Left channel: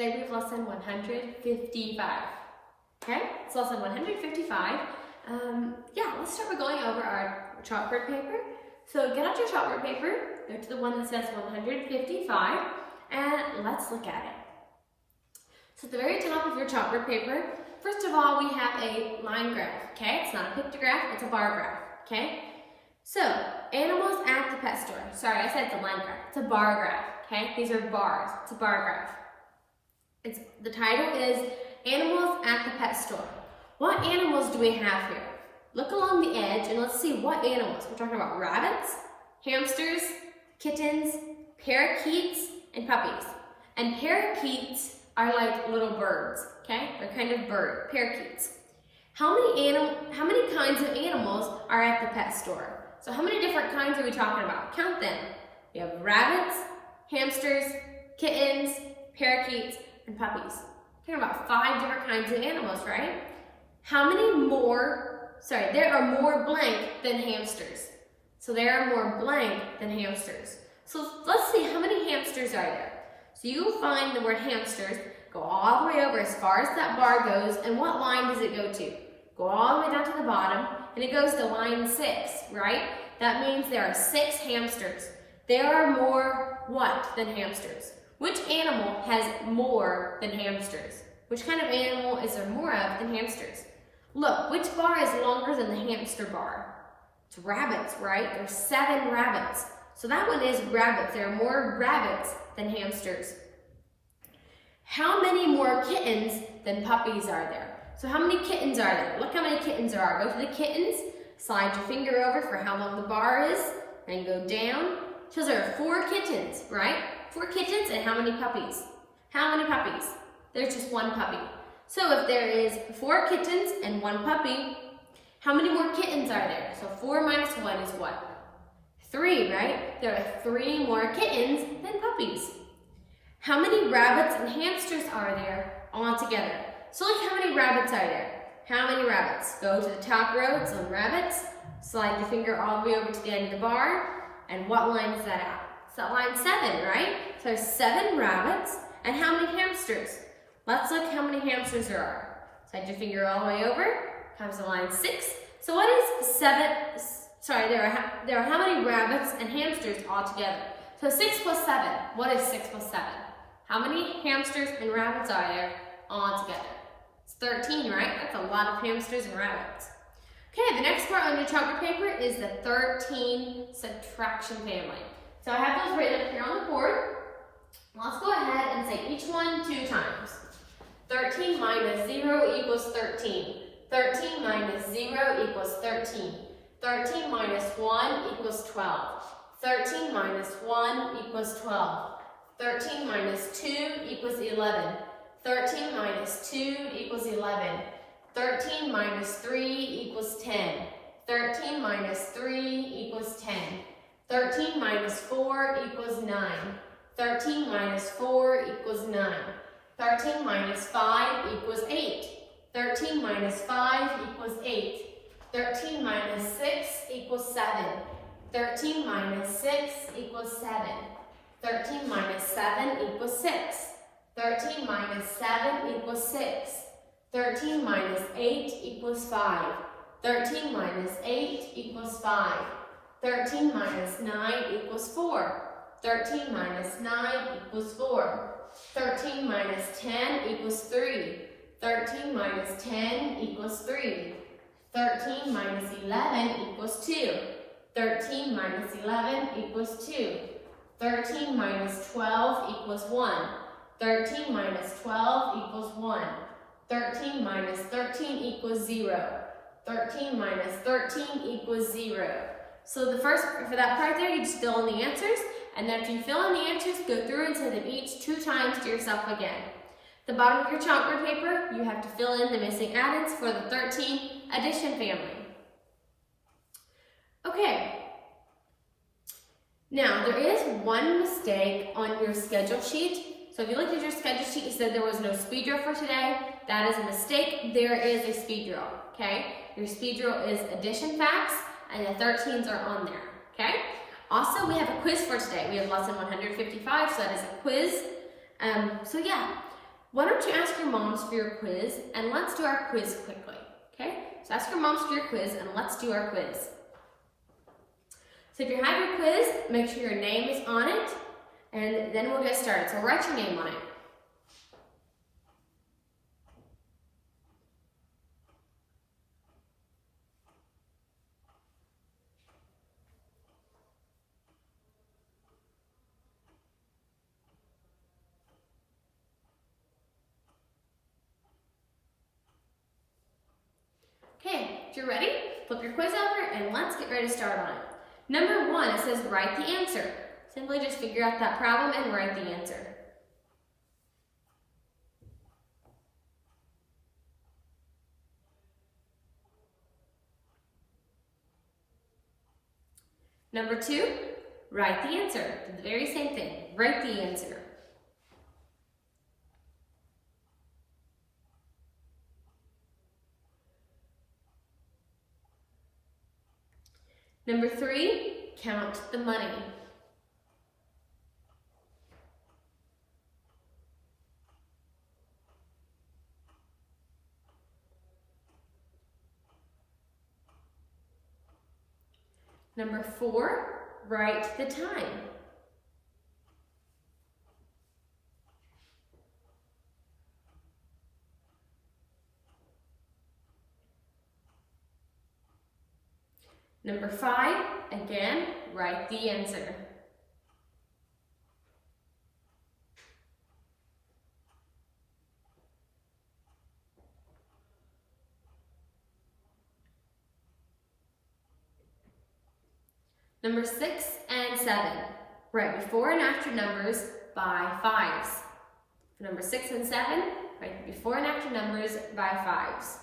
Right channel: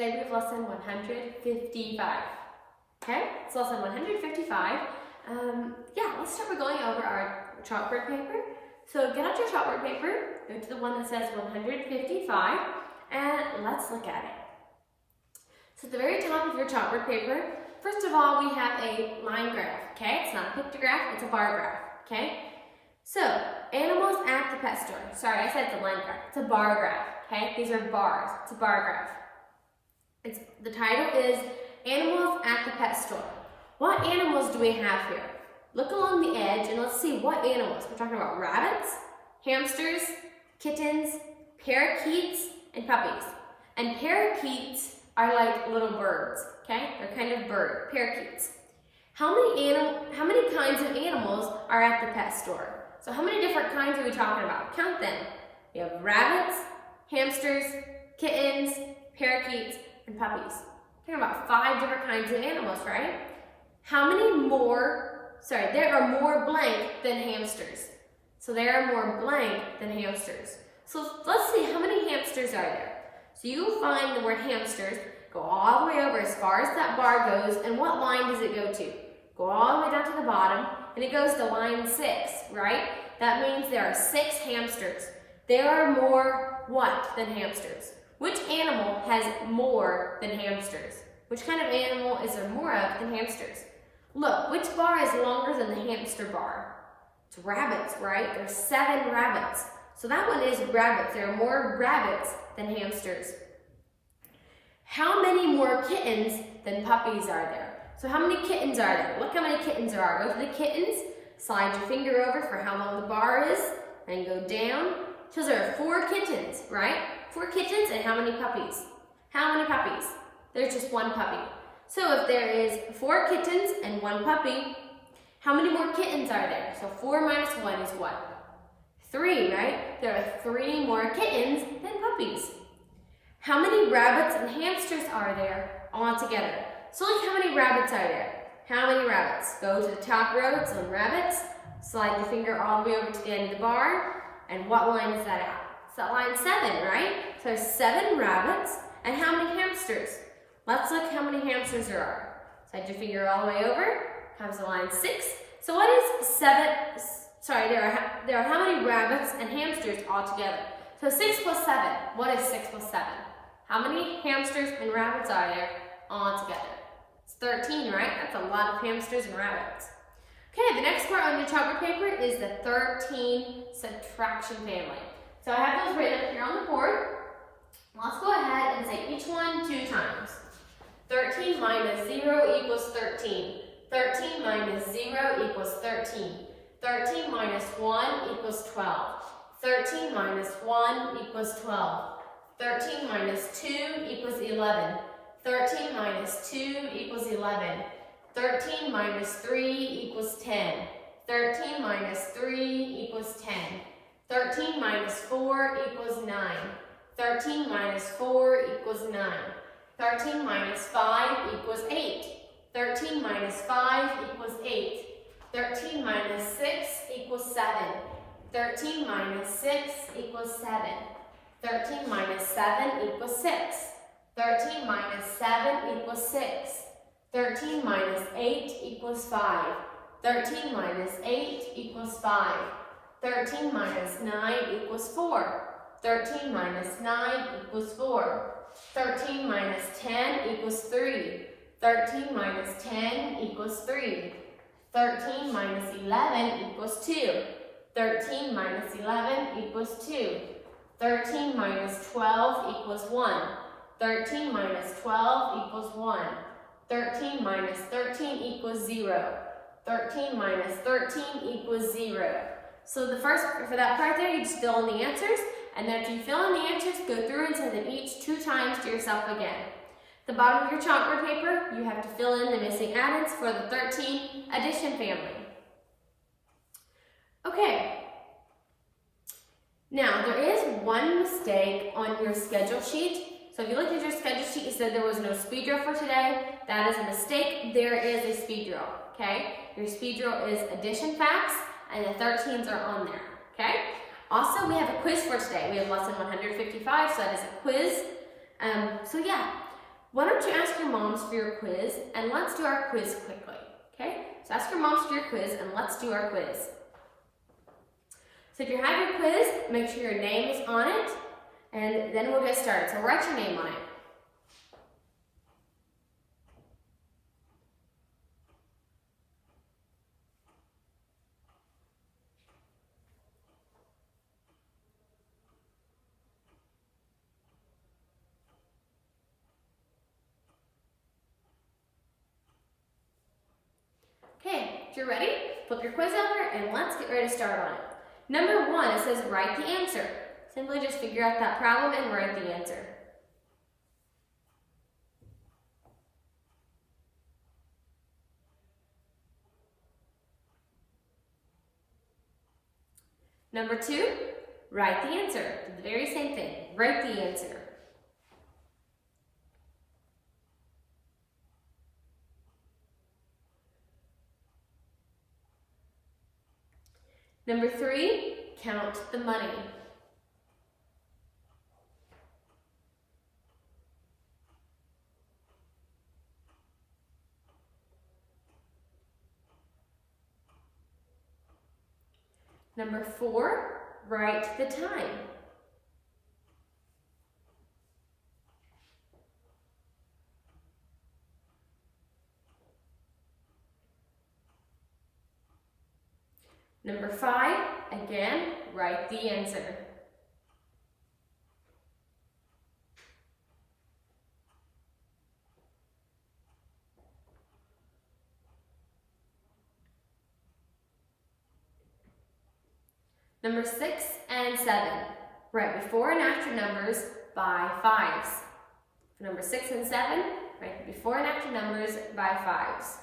Today we have lesson 155. Okay, it's lesson 155. Let's start by going over our chalkboard paper. So get out your chalkboard paper, go to the one that says 155, and let's look at it. So at the very top of your chalkboard paper, first of all, we have a line graph, okay? It's not a pictograph, it's a bar graph, okay? So, animals at the pet store. Sorry, I said it's a line graph. It's a bar graph, okay? These are bars. It's a bar graph. The title is Animals at the Pet Store. What animals do we have here? Look along the edge and let's see what animals. We're talking about rabbits, hamsters, kittens, parakeets, and puppies. And parakeets are like little birds, okay? They're kind of bird, parakeets. How many kinds of animals are at the pet store? So how many different kinds are we talking about? Count them. We have rabbits, hamsters, kittens, parakeets, and puppies. We're talking about 5 different kinds of animals, right? There are more blank than hamsters. So there are more blank than hamsters. So let's see, how many hamsters are there? So you find the word hamsters, go all the way over as far as that bar goes, and what line does it go to? Go all the way down to the bottom, and it goes to line 6, right? That means there are 6 hamsters. There are more what than hamsters? Which animal has more than hamsters? Which kind of animal is there more of than hamsters? Look, which bar is longer than the hamster bar? It's rabbits, right? There's 7 rabbits. So that one is rabbits. There are more rabbits than hamsters. How many more kittens than puppies are there? So how many kittens are there? Look how many kittens there are. Go to the kittens, slide your finger over for how long the bar is, and go down. So there are 4 kittens, right? 4 kittens, and how many puppies? How many puppies? There's just 1 puppy. So if there is 4 kittens and 1 puppy, how many more kittens are there? So 4 minus 1 is what? 3, right? There are 3 more kittens than puppies. How many rabbits and hamsters are there all together? So look how many rabbits are there. How many rabbits? Go to the top row, it's on rabbits. Slide the finger all the way over to the end of the bar. And what line is that at? It's at line 7, right? So there's 7 rabbits. And how many hamsters? Let's look how many hamsters there are. Slide your finger all the way over. Comes to line 6. So what is 7? There are how many rabbits and hamsters all together? So 6 plus 7. What is 6 plus 7? How many hamsters and rabbits are there all together? It's 13, right? That's a lot of hamsters and rabbits. Okay, the next part on your chalkboard paper is the 13 subtraction family. So I have those written up here on the board. Let's go ahead and say each one 2 times. 13 minus 0 equals 13. 13 minus 0 equals 13. 13 minus 1 equals 12. 13 minus 1 equals 12. 13 minus 2 equals 11. 13 minus 2 equals 11. 13 minus 3 equals 10. 13 minus 3 equals 10. 13 minus 4 equals 9. 13 minus 4 equals 9. 13 minus 5 equals 8. 13 minus 5 equals 8. 13 minus 6 equals 7. 13 minus 6 equals 7. 13 minus 7 equals 6. 13 minus 7 equals 6. 13 minus 8 equals 5. 13 minus 8 equals 5. 13 minus 9 equals 4. 13 minus 9 equals 4. 13 minus 10 equals 3. 13 minus 10 equals 3. 13 minus 11 equals 2. 13 minus 11 equals 2. 13 minus 12 equals 1. 13 minus 12 equals 1. 13 minus 13 equals 0. 13 minus 13 equals 0. So for that part there, you just fill in the answers, and then after you fill in the answers, go through and say them each 2 times to yourself again. The bottom of your chalkboard paper, you have to fill in the missing addends for the 13 addition family. Okay. Now, there is one mistake on your schedule sheet. So if you looked at your schedule sheet, you said there was no speed drill for today. That is a mistake. There is a speed drill, okay? Your speed drill is addition facts, and the 13s are on there, okay? Also, we have a quiz for today. We have lesson 155, so that is a quiz. why don't you ask your moms for your quiz, and let's do our quiz quickly, okay? So ask your moms for your quiz, and let's do our quiz. So if you have your quiz, make sure your name is on it, and then we'll get started. So write your name on it. Okay, if you're ready, flip your quiz over and let's get ready to start on it. Number 1, it says write the answer. Simply just figure out that problem and write the answer. Number 2, write the answer. Do the very same thing. Write the answer. Number 3, count the money. Number 4, write the time. Number 5, again, write the answer. Number 6 and 7, write before and after numbers by 5s. For number 6 and 7, write before and after numbers by 5s.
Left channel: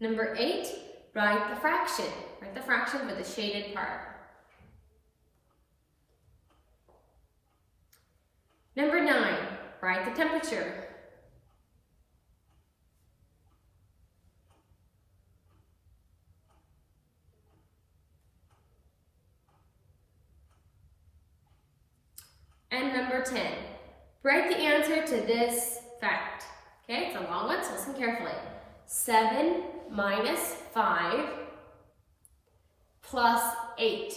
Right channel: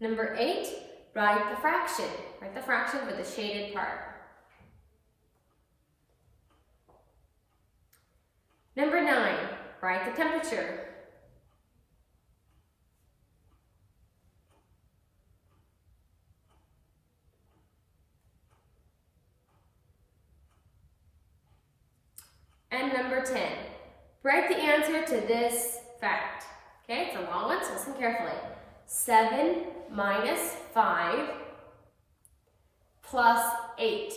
Number 8, write the fraction. Write the fraction for the shaded part. Number 9, write the temperature. And number 10, write the answer to this fact. Okay, it's a long one, so listen carefully. 7 minus 5 plus 8.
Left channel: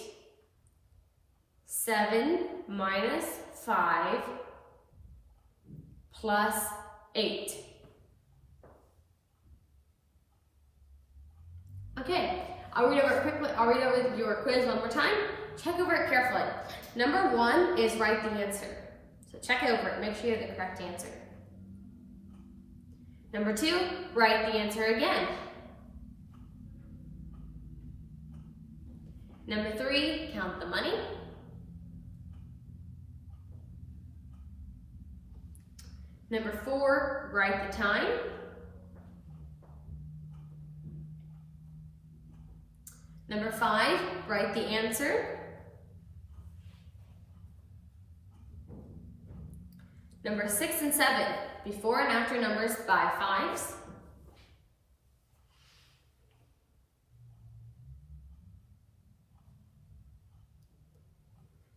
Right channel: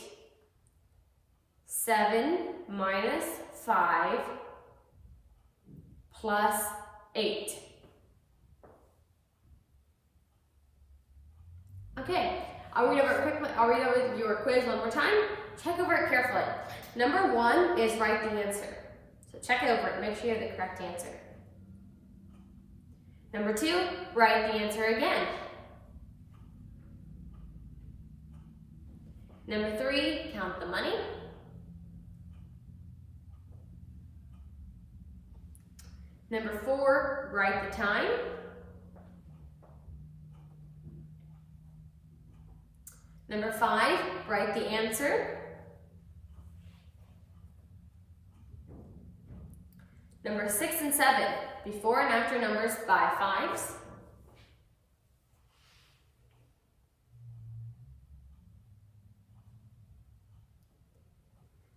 7 minus 5 plus 8. Okay, I'll read over your quiz one more time. Check over it carefully. Number 1 is write the answer. So check over it, make sure you have the correct answer. Number 2, write the answer again. Number 3, count the money. Number 4, write the time. Number 5, write the answer. Number 6 and 7, before and after numbers by 5s.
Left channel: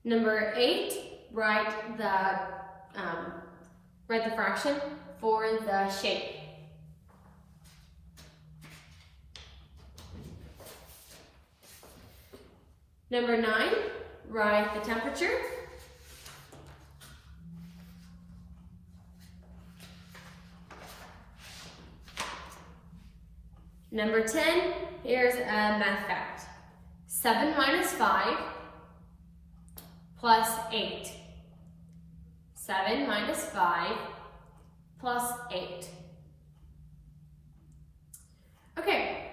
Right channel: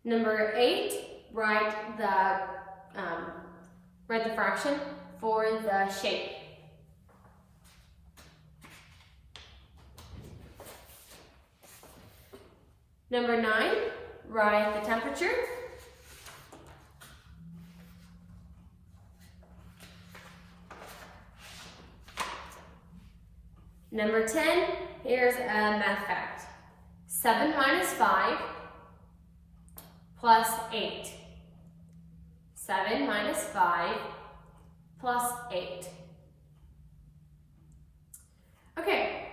Number 8, write the fraction for the shape. Number 9, write the temperature. Number 10, here's a math fact. 7 minus 5 plus 8. 7 minus 5 plus 8. Okay,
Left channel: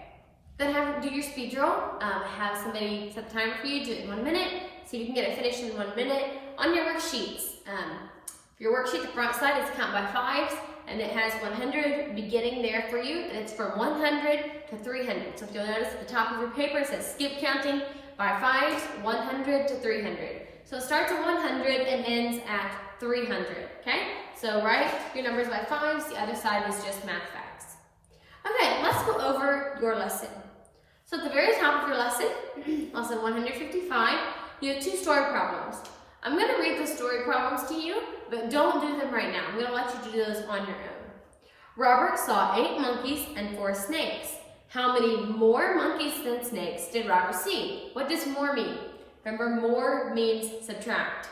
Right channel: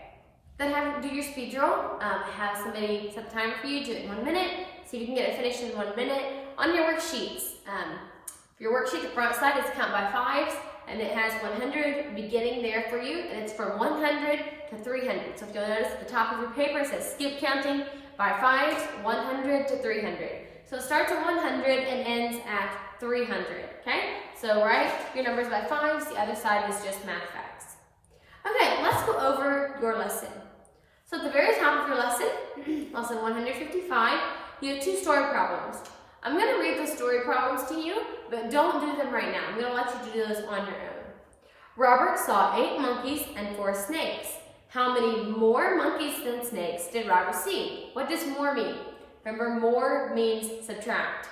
then do your speed drill. Have somebody set the timer for you, do it in 1 minute. See if you can get it finished in 1 minute. On your worksheets, for your worksheet, the front side is count by 5s, and it has 100 beginning there for you, and it's from 100 to 300. So if you'll notice at the top of your paper, it says skip counting by 5s, 100 to 300. So it starts at 100 and ends at 300, okay? So write your numbers by 5s. The other side is just math facts. Okay, let's go over your lesson. So at the very top of your lesson, lesson 155, you have 2 story problems. I'm going to read the story problems to you, but don't do them right now. I'm going to let you do those on your own. Robert saw 8 monkeys and 4 snakes. How many more monkeys than snakes did Robert see? What does more mean? Remember, more means subtract.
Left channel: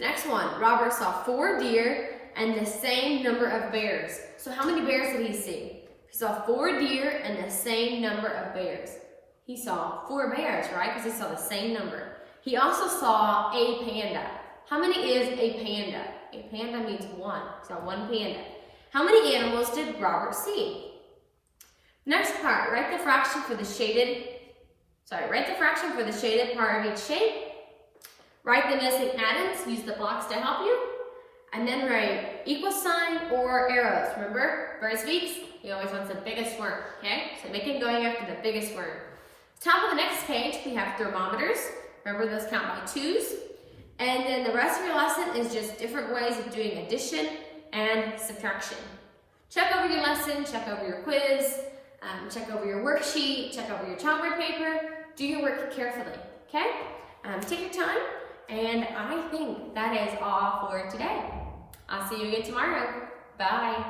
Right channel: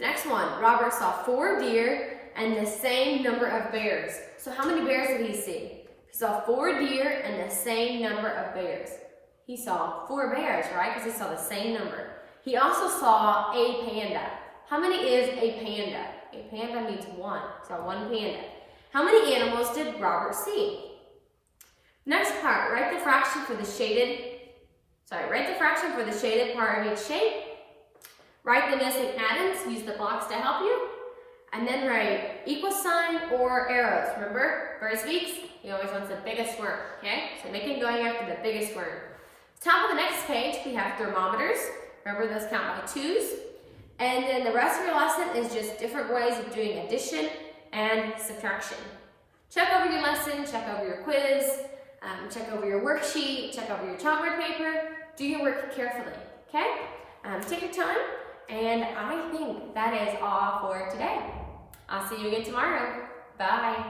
Next one, Robert saw 4 deer and the same number of bears. So how many bears did he see? He saw 4 deer and the same number of bears. He saw 4 bears, right? Because he saw the same number. He also saw a panda. How many is a panda? A panda means 1. He saw 1 panda. How many animals did Robert see? Next part, write the fraction for the shaded part of each shape. Write the missing atoms, use the blocks to help you. And then write equal sign or arrows. Remember, first weeks, he always wants the biggest worm, okay? So make it going after the biggest worm. Top of the next page, we have thermometers. Remember, those count by 2s. And then the rest of your lesson is just different ways of doing addition and subtraction. Check over your lesson, check over your quiz, check over your worksheet, check over your chalkboard paper. Do your work carefully, okay? Take your time, and I think that is all for today. I'll see you again tomorrow. Bye.